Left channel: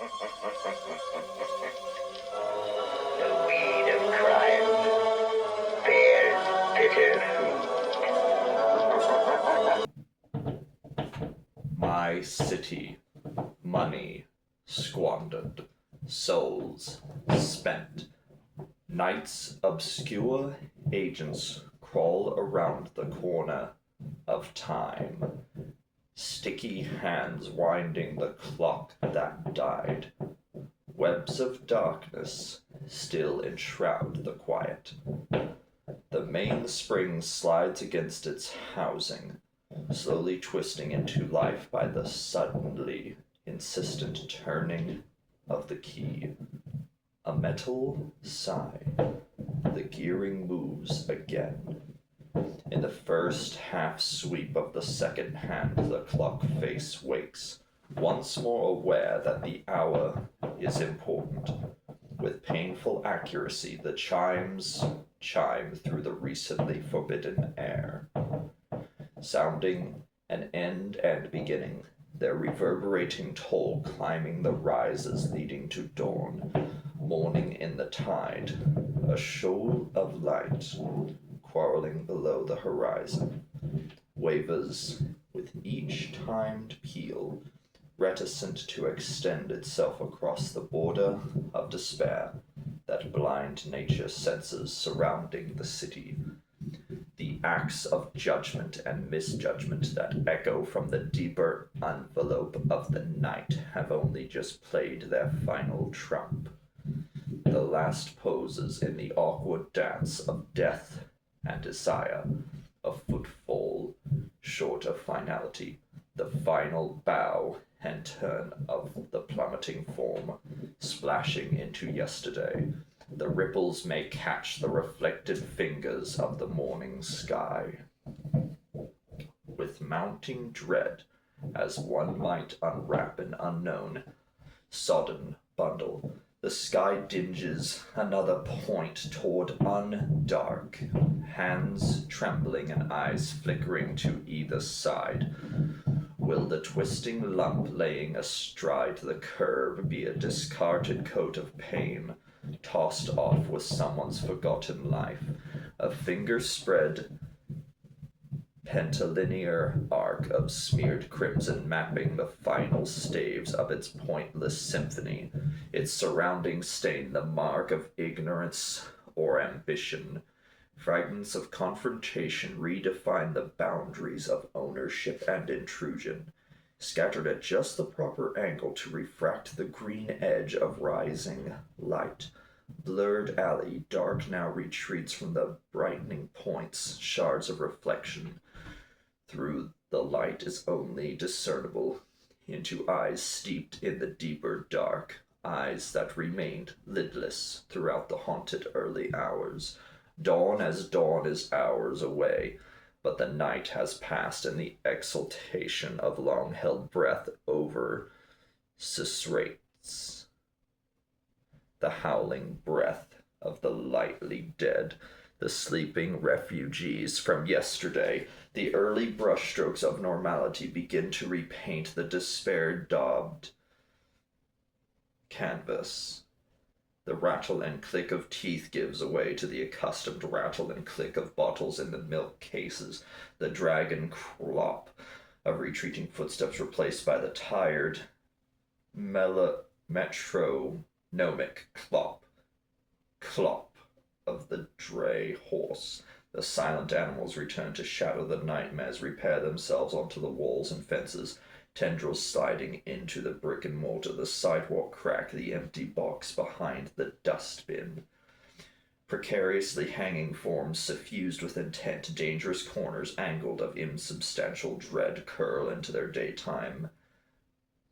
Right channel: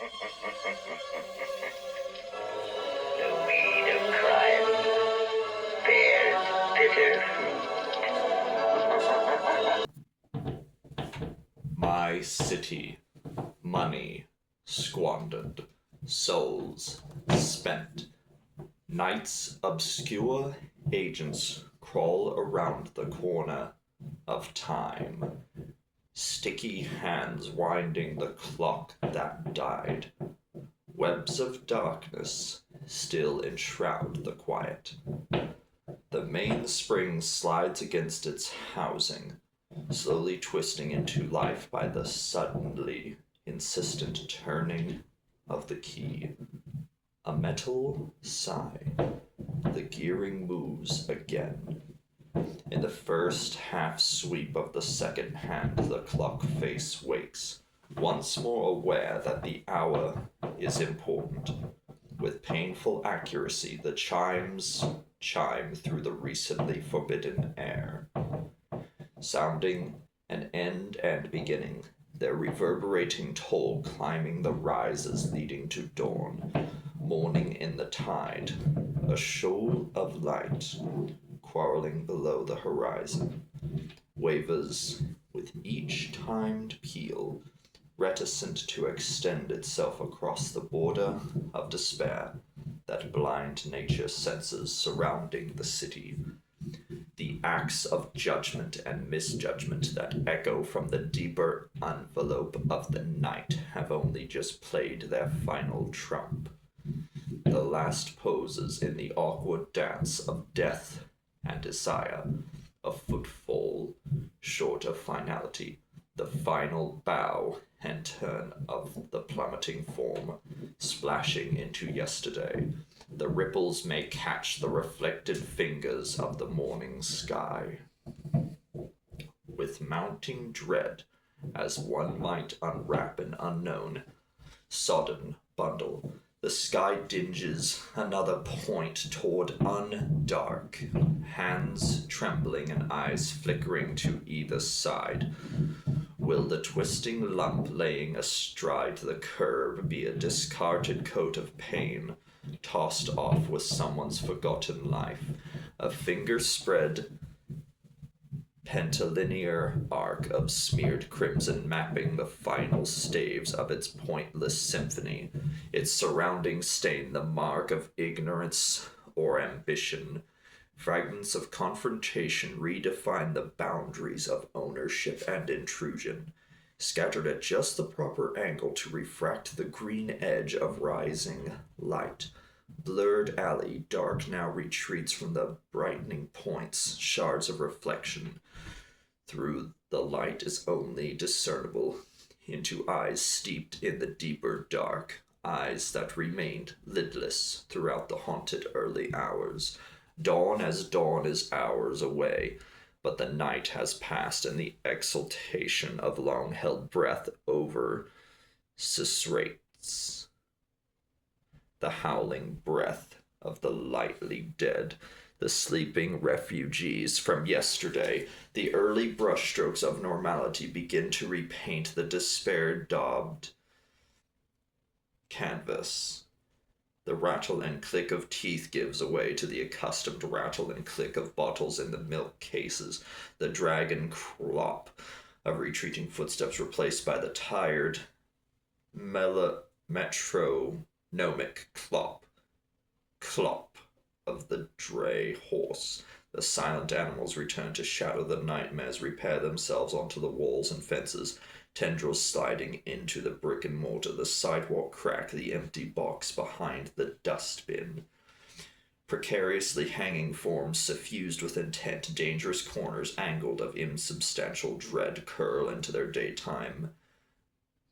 The weed of crime bears bitter fruit. My city, money squandered, souls spent. Night's obscure agents crawl around the corner of time. Sticky hands winding the clock that died. Webs of darkness still enshroud the quiet. The mainspring slides against its housing, slowly twisting into life by the suddenly insistent turning of the key. A metal sigh. The gearing moves again. In the first half sweep of the second hand, the clock face wakes, once more aware that the hour is important. With painful accuracy, the chimes chime through the recently forbidden air, sounding an end and beginning, their reverberating toll climbing the rises leading to dawn. Morning in the tide, a shoal of light quarreling below the horizon, wavers with each timed peal, reticent to extend itself across the border of despair that blind nature senses surrounding the city. The acts of judgment and misjudgment that echo from the deeper envelope of the night have only just played their final trump. The last poses in the awkward dance of death and desire, a footfall short of finality, the final bow and turn of the plummeting form, splashing into yesterday. The ripples may catch the reflected fingers of the morning sky. With mounting dread, as one might unwrap an unknown, sodden bundle, the sky dinges another point toward undark, hands trembling and eyes flickering to either side. Will the twisting lump laying astride the curve be a discarded coat of pain, tossed off with someone's forgotten life, a finger-spread pentalinear arc of smeared crimson mapping the final staves of its pointless symphony, its surrounding stain the mark of ignorance or ambition. Fragments of confrontation redefine the boundaries of ownership and intrusion, scattered at just the proper angle to refract the green edge of rising light. Blurred alley, dark now retreats from the brightening points, shards of reflection. Through the light is only discernible into eyes steeped in the deeper dark, eyes that remained lidless throughout the haunted early hours. Dawn is hours away, but the night has passed, and the exultation of long-held breath over susurrates the howling breath of the lightly dead, the sleeping refugees from yesterday. The early brushstrokes of normality begin to repaint the despair-daubed canvas. The rattle and click of teeth gives way to the accustomed rattle and click of bottles in the milk cases, the dragon clop of retreating footsteps replaced by the tired metronomic clop of the dray horse. The silent animals return to shadow the nightmares, repair themselves onto the walls and fences, tendrils sliding into the brick and mortar, the sidewalk crack, the empty box behind the dustbin. Precariously hanging forms suffused with intent, dangerous corners angled of insubstantial dread curl into their daytime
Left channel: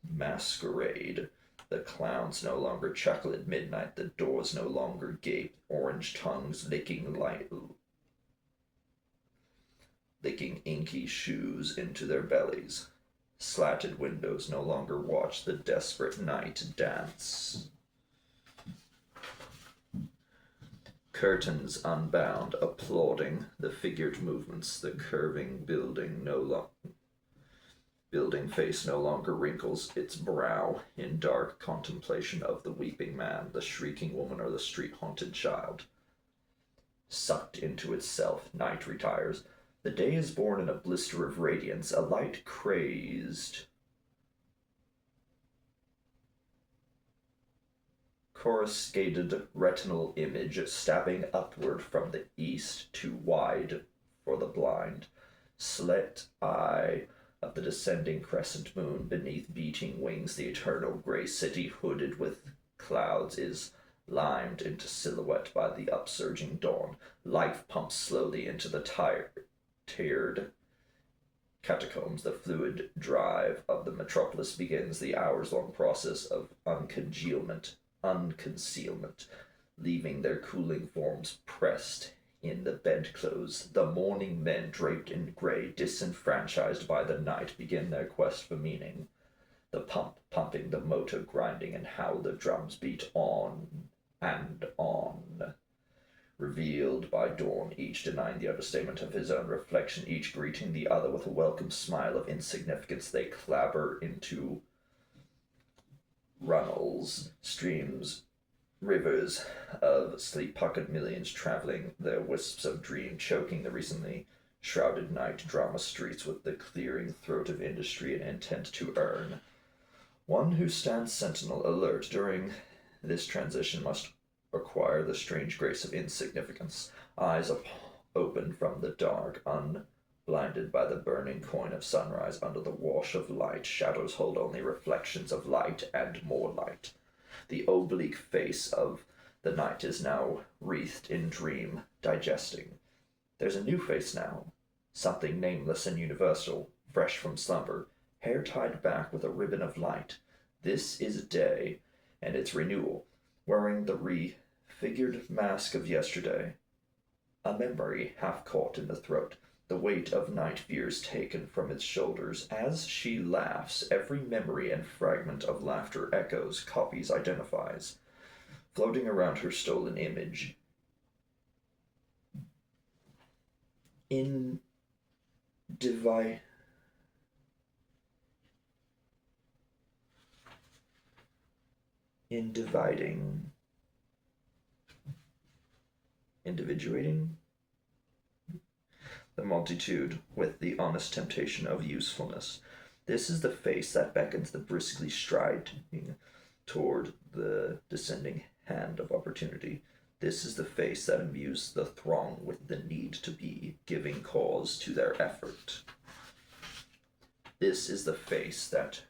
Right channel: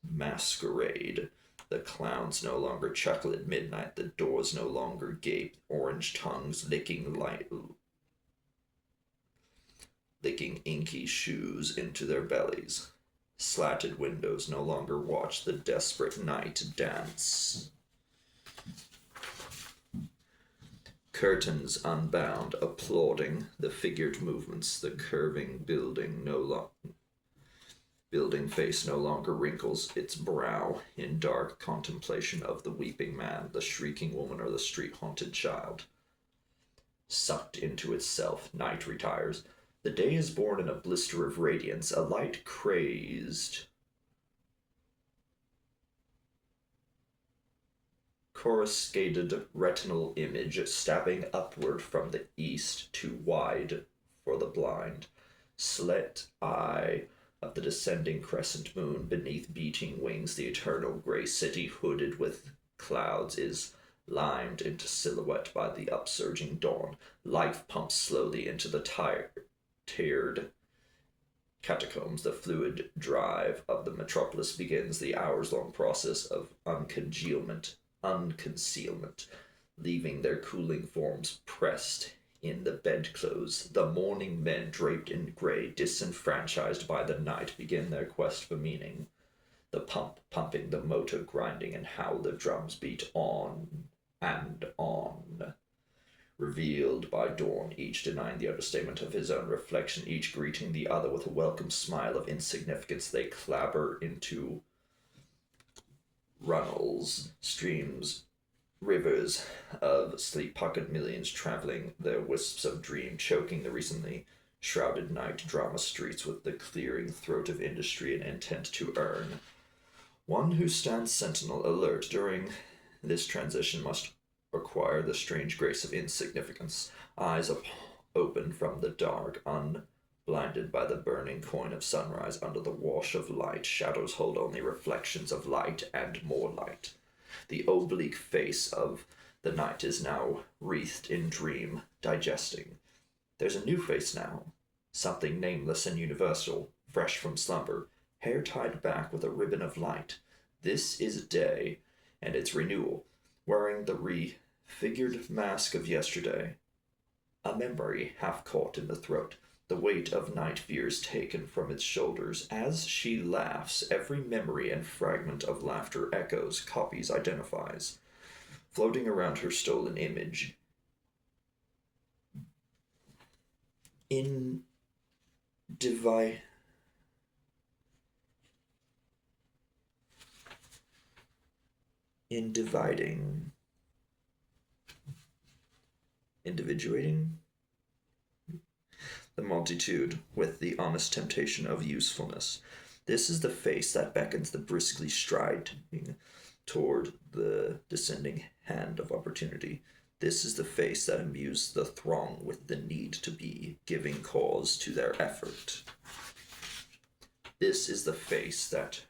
masquerade. The clowns no longer chuckle at midnight, the doors no longer gape, orange tongues licking inky shoes into their bellies. Slatted windows no longer watch the desperate night dance. Curtains unbound, applauding the figured movements, the curving building no longer. building face no longer wrinkles its brow in dark contemplation of the weeping man, the shrieking woman, or the street-haunted child. Sucked into itself, night retires. The day is born in a blister of radiance, a light crazed coruscated retinal image stabbing upward from the east, too wide for the blind, slit eye of the descending crescent moon. Beneath beating wings, the eternal gray city, hooded with clouds, is limed into silhouette by the upsurging dawn. Life pumps slowly into the tiered catacombs. The fluid drive of the metropolis begins the hours-long process of unconcealment, leaving their cooling forms pressed in the bedclothes. The morning men, draped in gray, disenfranchised by the night, begin their quest for meaning. The pump pumping, the motor grinding, and how the drums beat on and on. Revealed by dawn, each denying the understatement of his own reflection, each greeting the other with a welcome smile of insignificance, they clabber into runnels, streams, rivers of sleep-puckered millions, traveling their wisps of dream, choking the recently shrouded night drama streets with the clearing throat of industry and intent to earn. One who stands sentinel, alert during this transition, must acquire the strange grace of insignificance, eyes open from the dark, unblinded by the burning coin of sunrise. Under the wash of light, shadows hold only reflections of light and more light. The oblique face of the night is now wreathed in dream, digesting. There's a new face now, something nameless and universal, fresh from slumber, hair tied back with a ribbon of light. This is day, and its renewal, wearing the refigured mask of yesterday. A memory half caught in the throat, the weight of night fears taken from its shoulders. As she laughs, every memory and fragment of laughter echoes, copies, identifies, floating around her stolen image. In individuating the multitude with the honest temptation of usefulness. This is the face that beckons the briskly striding toward the descending hand of opportunity. This is the face that imbues the throng with the need to be, giving cause to their effort. This is the face that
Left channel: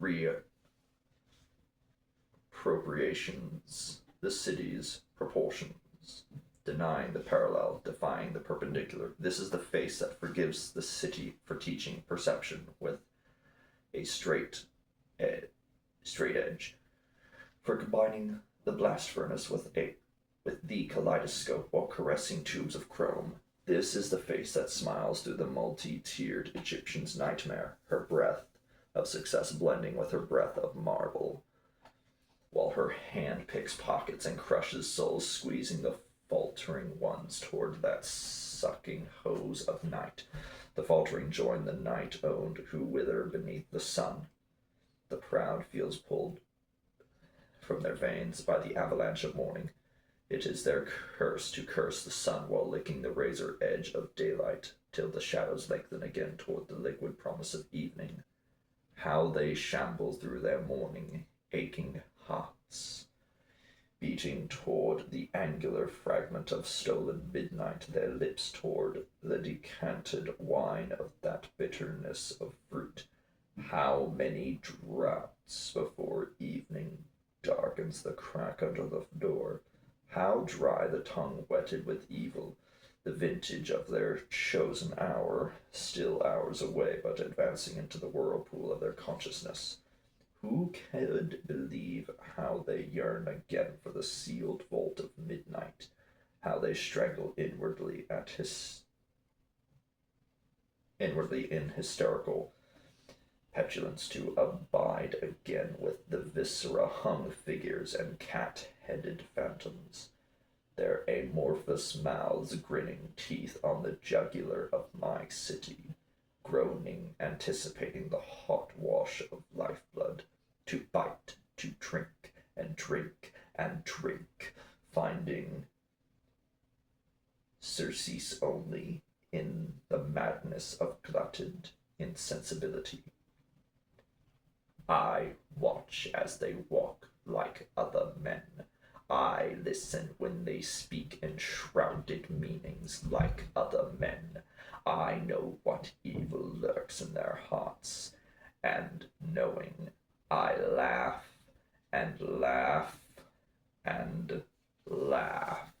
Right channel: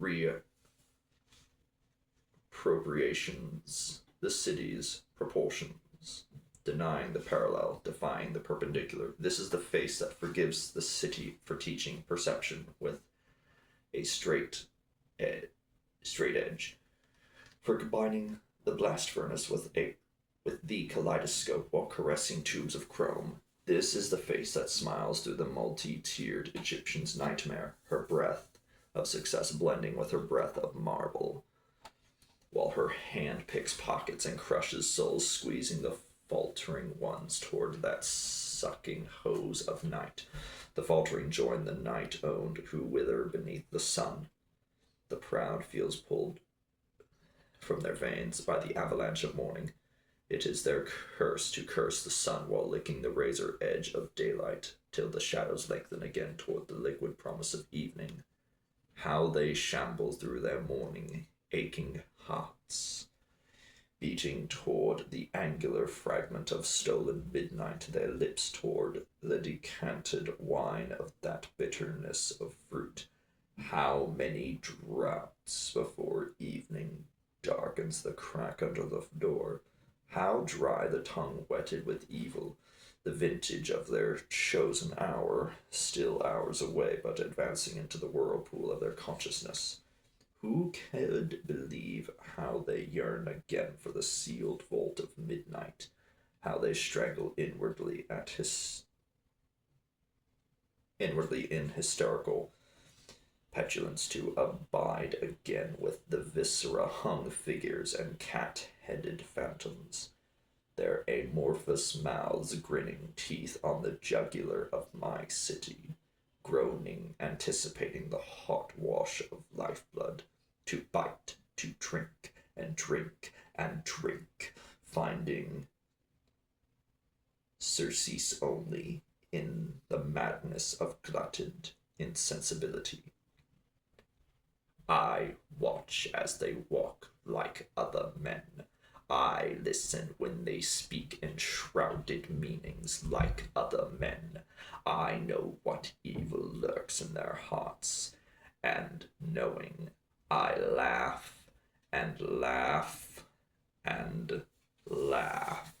reappropriations the city's proportions, denying the parallel, defying the perpendicular. This is the face that forgives the city for teaching perception with a straight edge, for combining the blast furnace with the kaleidoscope while caressing tubes of chrome. This is the face that smiles through the multi-tiered Egyptian's nightmare, her breath of success blending with her breath of marble, while her hand picks pockets and crushes souls, squeezing the faltering ones toward that sucking hose of night. The faltering join the night-owned who wither beneath the sun. The proud feels pulled from their veins by the avalanche of morning. It is their curse to curse the sun while licking the razor edge of daylight, till the shadows lengthen again toward the liquid promise of evening. How they shamble through their morning, aching hearts, beating toward the angular fragment of stolen midnight, their lips toward the decanted wine of that bitterness of fruit. How many draughts before evening darkens the crack under the door. How dry the tongue wetted with evil, the vintage of their chosen hour, still hours away, but advancing into the whirlpool of their consciousness. Who could believe how they yearn again for the sealed vault of midnight, how they strangle inwardly in hysterical petulance to abide again with the viscera-hung figures and cat-headed phantoms, their amorphous mouths grinning, teeth on the jugular of my city, groaning, anticipating the hot wash of lifeblood, to bite, to drink, and drink, and drink, finding surcease only in the madness of glutted insensibility. I watch as they walk like other men. I listen when they speak in shrouded meanings like other men. I know what evil lurks in their hearts, and knowing, I laugh and laugh and laugh.